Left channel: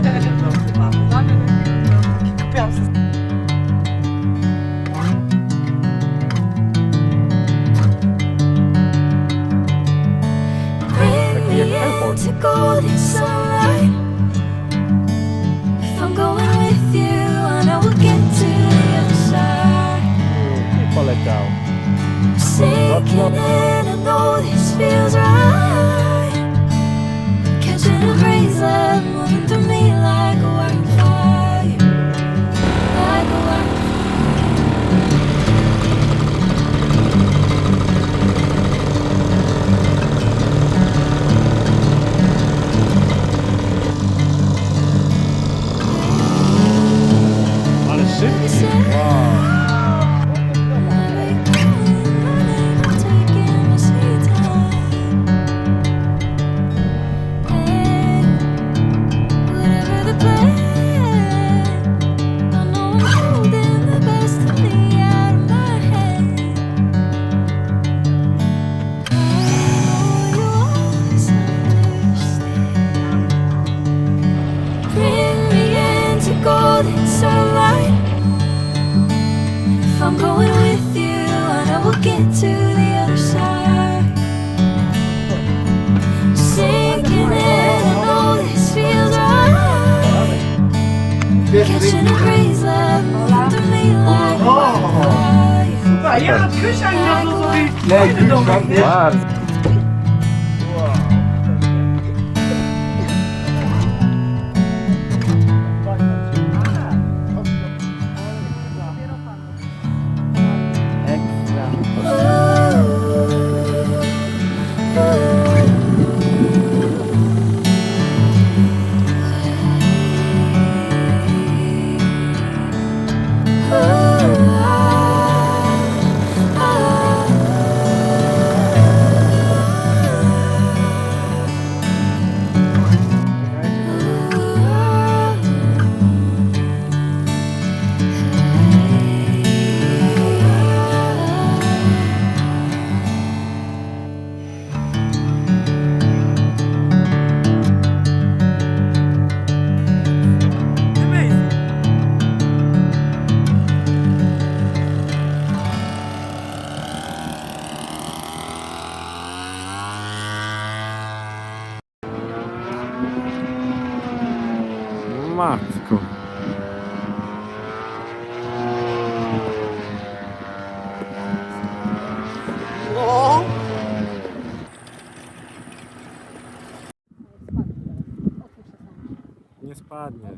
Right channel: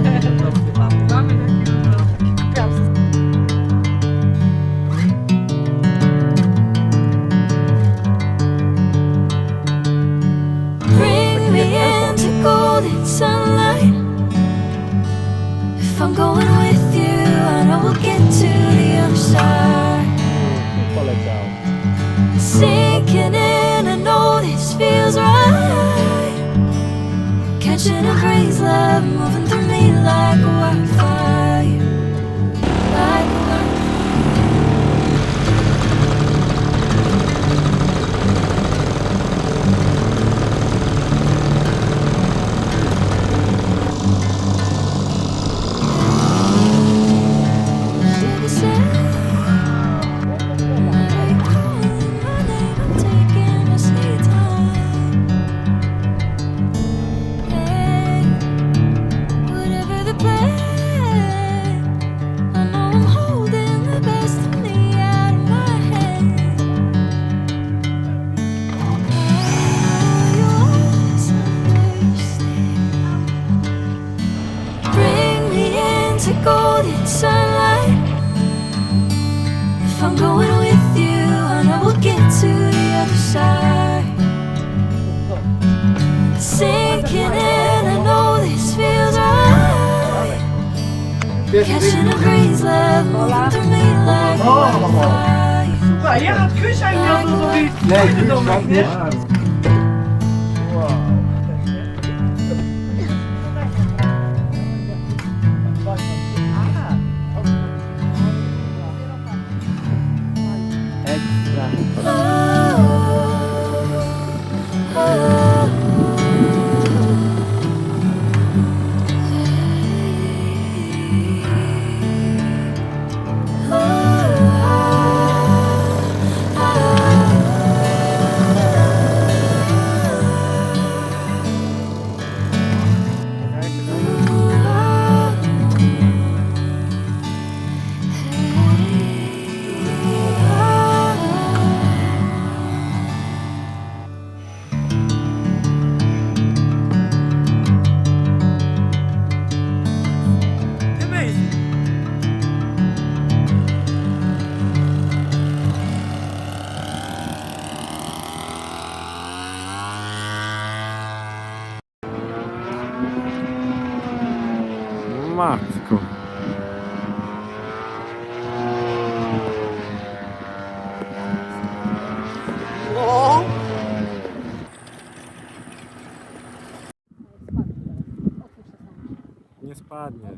Mamy taki kupiłam sobie. Bring me into golden sunlight. If I'm going with you, I know we'll get to the other side. Poleciał. Sinking in, I know this feels right. Catching a breeze, love moving through me like a wildfire. Like a wildfire. Ale szybko. You say, whenever you're calling my name, I'm taking my sweet time. Hey, whatever the plan, I know I'm holding the best of me out of my head. I know you always understand. Bring me into golden sunlight. If I'm going with you, I know we'll get to the other side. Sinking in, I know this feels right. Catching a breeze, love moving through me like a wildfire. Super, ja, Krysia i miał zrobić fajny domek, nie? Bardzo. Wow. Ekstra. Matko. No. Nie spadnie.